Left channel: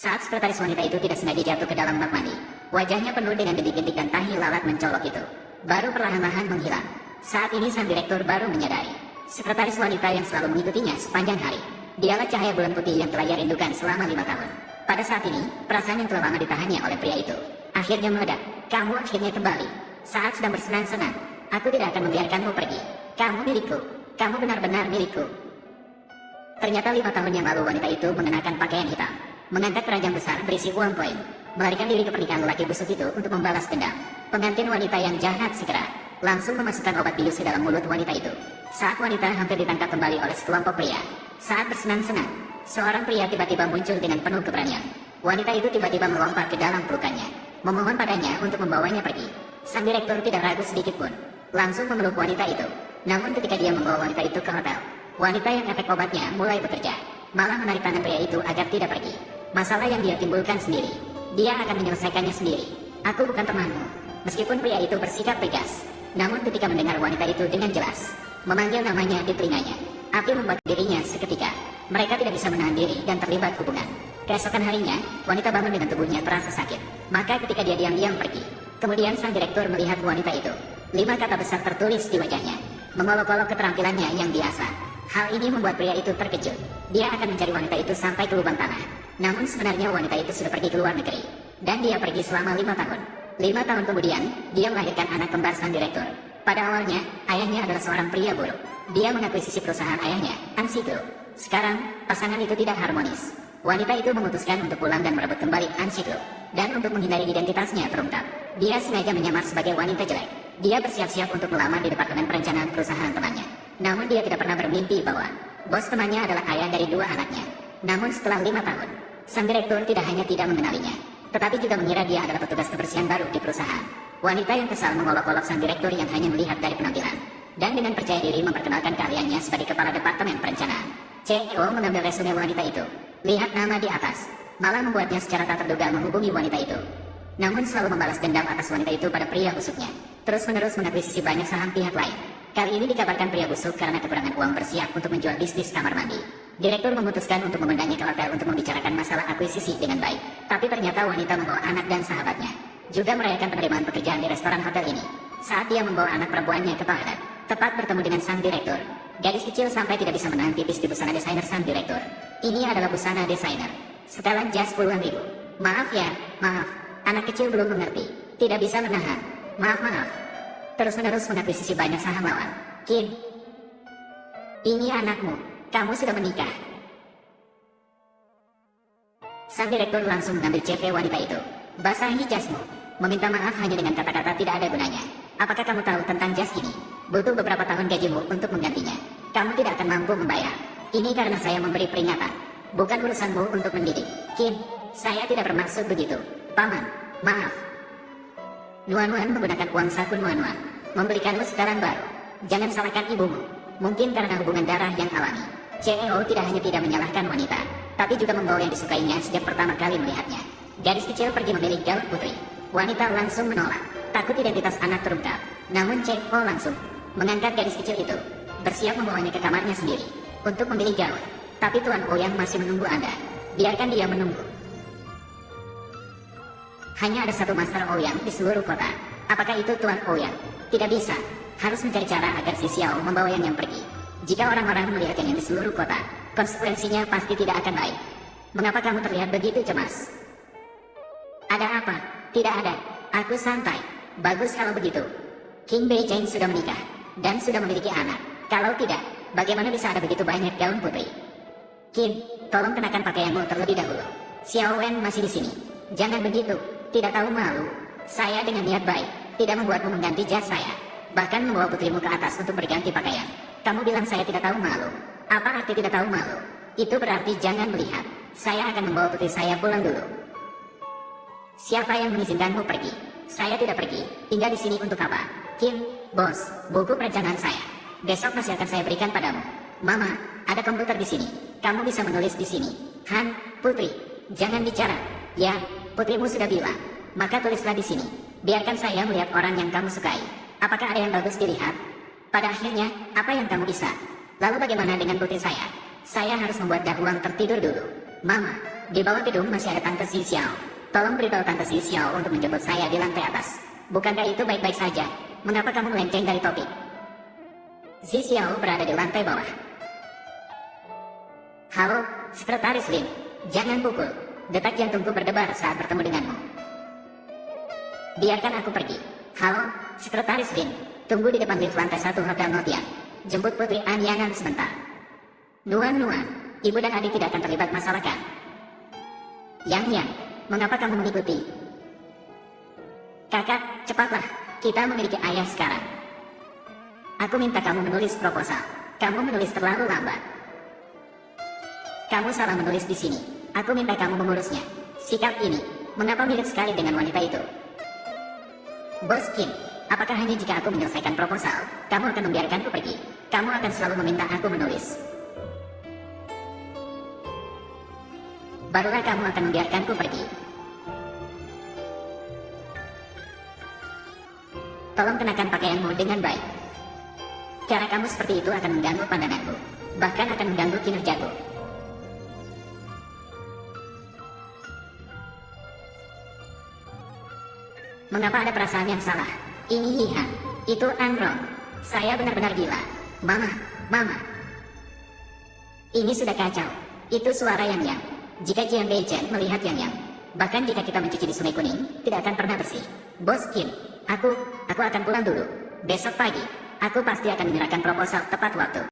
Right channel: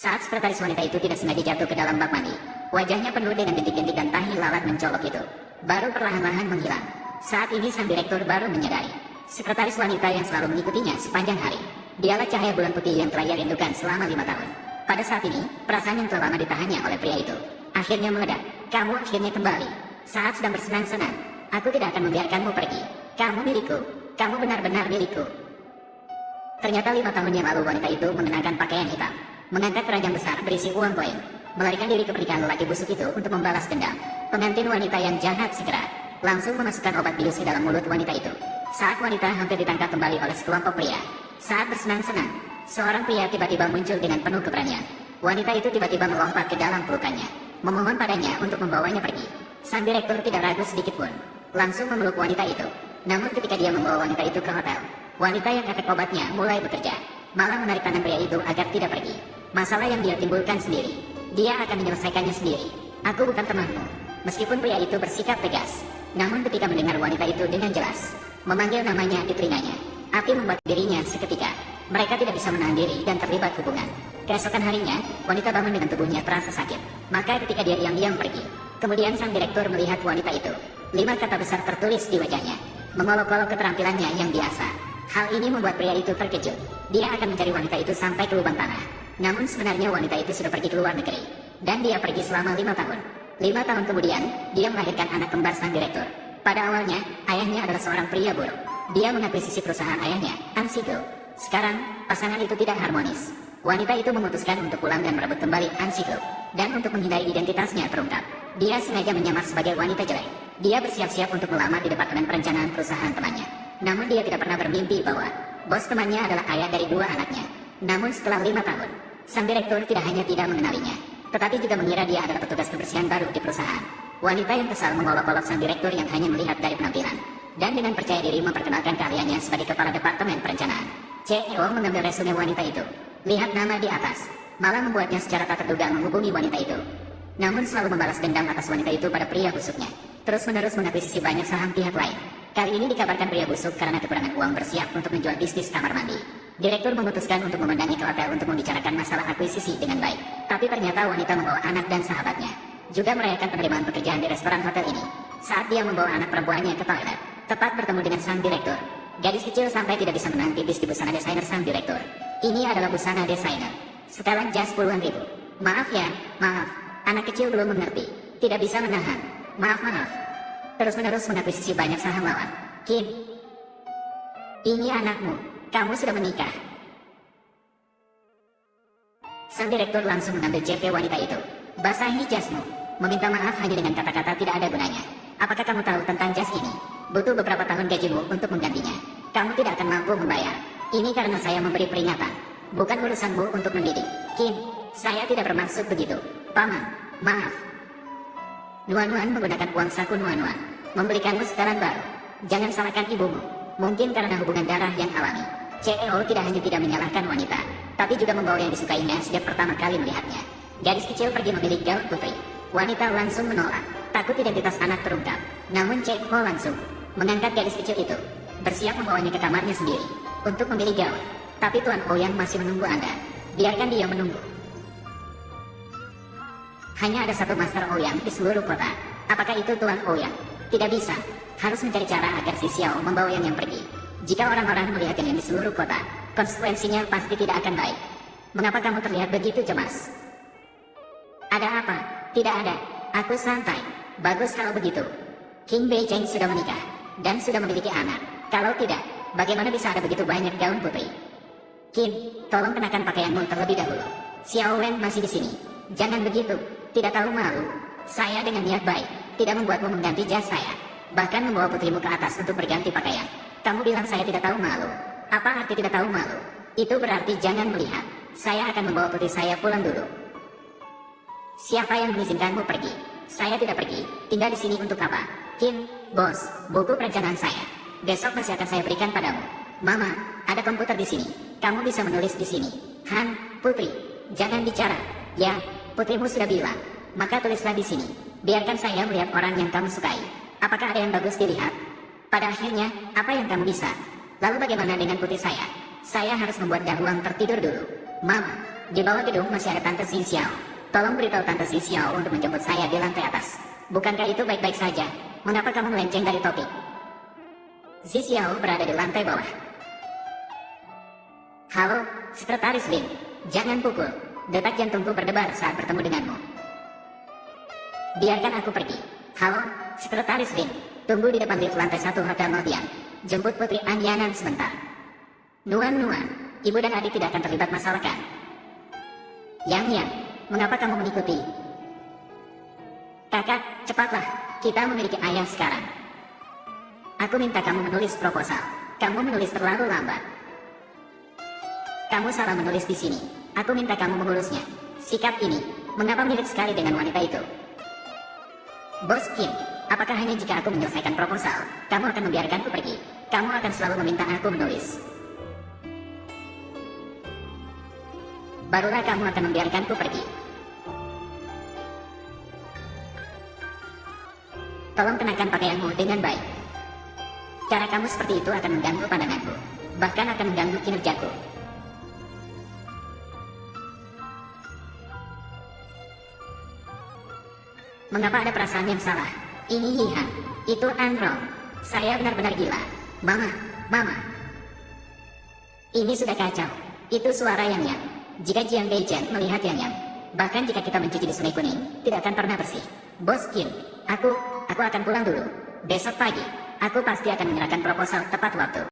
Saat sekretaris wanita itu tidak sengaja jatuh ke dalam bak mandi, wajahnya penuh dengan detik-detik dan tahi lalat mencolok itu baru perlahan-lahan menghilang. Saat ini sang direktur baru menyadari sekretaris wanita yang selalu mengikutinya sepanjang hari, dialah cahaya bulan putih yang telah ia rindukan selama 5 tahun. Pada saat ini, perasaan yang telah lama ditahannya oleh pria itu akhirnya meledak. Kamu akhirnya kembali. Saat sedang bersenang-senang, aku tidak akan membiarkanmu pergi. Kamu milikku. Kamu benar-benar milikku. Ternyata 5 tahun yang lalu wanita itu mengenakan pakaian hitam, mengangkat keranjang besar berisi uang koin, melarikan diri ke pernikahan lelaki busuk itu untuk membalas dendam. Pengantin wanita yang jahat segera langsung memasukkan obat bius ke dalam mulut wanita itu. Saat wanita hampir ditangkap kembali oleh sekelompok pria, saat bersenang-senang, seorang pria tiba-tiba muncul dengan penuh keberanian. Wanita itu tiba-tiba melompat ke dalam pelukannya, memohon padanya untuk membawanya pergi. Sang direktur tidak ragu sedikit pun, langsung memeluk wanita itu. Namun ketika dia membawa wanita itu ke hotel, wanita yang efek obatnya mulai bekerja, malah menarik tangan pria itu agar tidak pergi. Masalah yang dia timbulkan sendiri, dia akan menyelesaikannya sendiri. Aku bukan temanmu. Meskipun pria itu bersikap tegas, namun ketika mendengar wanita itu dengan jelas memanggil namanya di telinganya, api membuat dirinya seketika. Mereka tidak bisa menahan diri dan terlibat hubungan. Keesokan harinya, wanita bangun dengan tubuhnya terasa sakit. Maka ketika dia diam-diam pergi, kemudian sang direktur melihat wanita itu. 5 kata besar tertulis di wajahnya, mengolok-olok keterampilannya yang biasa. Hal ini membuat pria itu terkejut. Dia akan mencari wanita itu sampai ke lubang tanah. Namun sebenarnya wanita itu sudah pergi ke luar negeri, dan dia pergi selama 5 tahun. 5 tahun kemudian, dia melahirkan anak kembar sang direktur. Pada awalnya, ayahnya adalah seorang pria buruk. Dia mengakuisisi perusahaan ayahnya, Ansiko. Sekarang, pasangan itu tidak harmonis. Wanita itu memutuskan untuk pulang dan merebut kembali Ansiko. Dan untuk menghindari identitasnya terungkap, dia sengaja menyamar sebagai wanita jelek. Dia bersiap-siap untuk melamar di departemen perencanaan perusahaan temannya. Namun dia tidak pernah bermimpi bahwa bos temannya adalah ayah dari 2 anaknya. Namun setelah 5 tahun, sang direktur tidak hanya tidak mengenalinya, tetapi juga mengira dia adalah petugas kebersihan baru di perusahaan. Wanita yang kesal mengolok-olok sang direktur yang hanya melihat dari penampilan, dan dengan percaya diri memperkenalkan keahliannya sebagai kepala departemen perencanaan. CEO mengambil resume wanita itu, lihat nama di atas, malah membuatnya secara tak terduga menghubungi wanita itu. Namun selalu membalas dendam atas wanita itu pada pria busuknya, terus-menerus mengakuisisi banyak saham pihak lain. Kali ini dikabarkan pria busuk karena kekurangan uang bersiap untuk menjual bisnis kamar mandi. Direktur memutuskan untuk memendangi ke hotel untuk membicarakan masalah akuisisi dengan baik. Tapi ternyata wanita membawa anak dan sahabatnya, juga merayakan penerimaan pekerjaan di restoran hotel ini. Saat dia membawa anak perempuannya ke toilet, tepat bertemu dengan sang direktur. Gadis kecil sampai tidak bisa menahan pipis di busana desainer sang direktur. Ini adalah busana desainer, setelan jas puluhan ribu. Maaf ya, maaf. Anak kecil belum mengerti, tidak bisa menahan. Maaf. Terus-menerus mengakuisisi banyak saham lawan. Kim, ini anakmu. Kamu sudah menikah. Sang direktur langsung mengambil CV wanita itu. Basahi jasmu. Meminta maaf hanya dengan kata-kata tidak ada gunanya. Apakah kamu tahu tentang jas ini? Butuh beberapa tahun gajimu untuk menggantinya. Kamu tidak akan mampu membayar. Ini karena saya memberi peringatan, bukan urusanmu untuk mendidik. Kim, saya tidak bermaksud begitu. Paman, maaf. Nuan-Nuan menggunakan uang saku Nuan-Nuan membelikanmu setelan baru. Jangan salahkan ibumu. Mungkin karena hubungan darah yang alami. CEO tidak hanya tidak menyalahkan wanita, tapi juga membawa yang disukainya sejak pertama kali melihatnya. Gadis kecil pergi memilih gaun putri. Wanita langsung menolak, takut identitas anak terungkap. Namun CEO langsung mengangkat gadis kecil itu, bersiap membawanya ke kamarnya sendiri untuk memilih gaun. Tapi Tuan Ouyang masih menunggu Anda. Biarkan dia menunggu. Hanya ada satu Master Ouyang di seluruh kota. Apakah itu Tuan Ouyang? Tidak bisa. Harus mencari cara agar si Xiao membawa yang pergi. Jika orang-orang melihatnya di seluruh kota, konsekuensinya pasti tidak akan baik. Mengapa kamu terlihat begitu cemas? Ada apa? Tidak ada. Aku santai. Bagus kalau begitu. King Beijing sudah menikah dan sudah memiliki anak. Kalau tidak, bagaimana bisa ada begitu banyak gaun putri? Kim, tolong kenakan pakaianmu terlebih dahulu. Xiao Wen masih di sini. Jangan begitu. Tidak tahu malu. Saya dengan niat baik tidak membuatmu mengganti jas saya, bahkan membawa putrimu ke atas untuk berganti pakaian. Kamu bilang saya tidak tahu malu. Apa arti tidak tahu malu? Itu berarti jangan melihat. Saya akan membawa putri saya pulang dulu. Siapa yang mengizinkanmu pergi? Saya tidak pergi. Tinggal di sini untuk apa? Kim, bos, buku perencanaan saya. Besok masih akan saya berikan padamu. Mama, ada komputer di sini. Kamu bisa menulis di sini. Han, putri, jangan bicara. Ya, putrimu sudah bilang. Maka tulislah di sini. Biarkan saya melihat orang yang kamu sukai. Apakah ada yang bagus dilihat? Pada akhirnya, apa yang kamu bisa? Lalu bagaimana dengan putri saya? Saya harus membuat ruang tertidur dulu. Mama, Di bawah gedung masih ada Tante Si Xiao. Tolong beritahu Tante Si Xiao untuk menjemput saya di lantai atas. Bukankah itu baik-baik saja? Mengapa kamu melenceng dari topik? Si Xiao berada di lantai bawah. Halo, Sekretaris Lin. Jangan pukul. Detak jantungku berdebar saat bertemu denganmu. Biarkan aku pergi. Halo, Sekretaris Lin. Tunggu di depan lift lantai 1 Hotel Notian. Jemput Putri Anyanan sebentar. Nuan, ibu dan adik tidak akan terlibat masalah kan? Yang, mengapa kamu mengikuti? Kakak, cepatlah. Kita memiliki ayah sekarang. Aku minta kamu menulis proposal. Kamu menulis terlalu lambat. Kamu salah menulis di sini. Aku minta kamu mengurusnya. Sikap ini, mengapa mirip sekali dengan wanita itu? Bos Kim, apakah hanya jika aku menyelesaikan proposal, kamu akan membiarkanku pergi? Kamu akan selalu meminta aku menulis. Barulah kamu akan membiarkanku pergi. Tolong kenakan pakaianmu dengan baik. Cara kamu seperti itu akan mengganggu pandanganku. Bahkan akan mengganggu kinerjaku. Mengapa ada perasaan yang salah? Ini Yihan, itu Anro. Saya benar-benar gila. Mama. Ini sudah kacau. Itu suara Yang. Jika Jiang Meichen melihat Yang, bahkan jika kita mencuci di Sungai Kuning, tidak akan pernah bersih. Bos Kim, aku akan pulang dulu. Besok pagi, aku pasti akan menyerahkan proposal tepat waktu.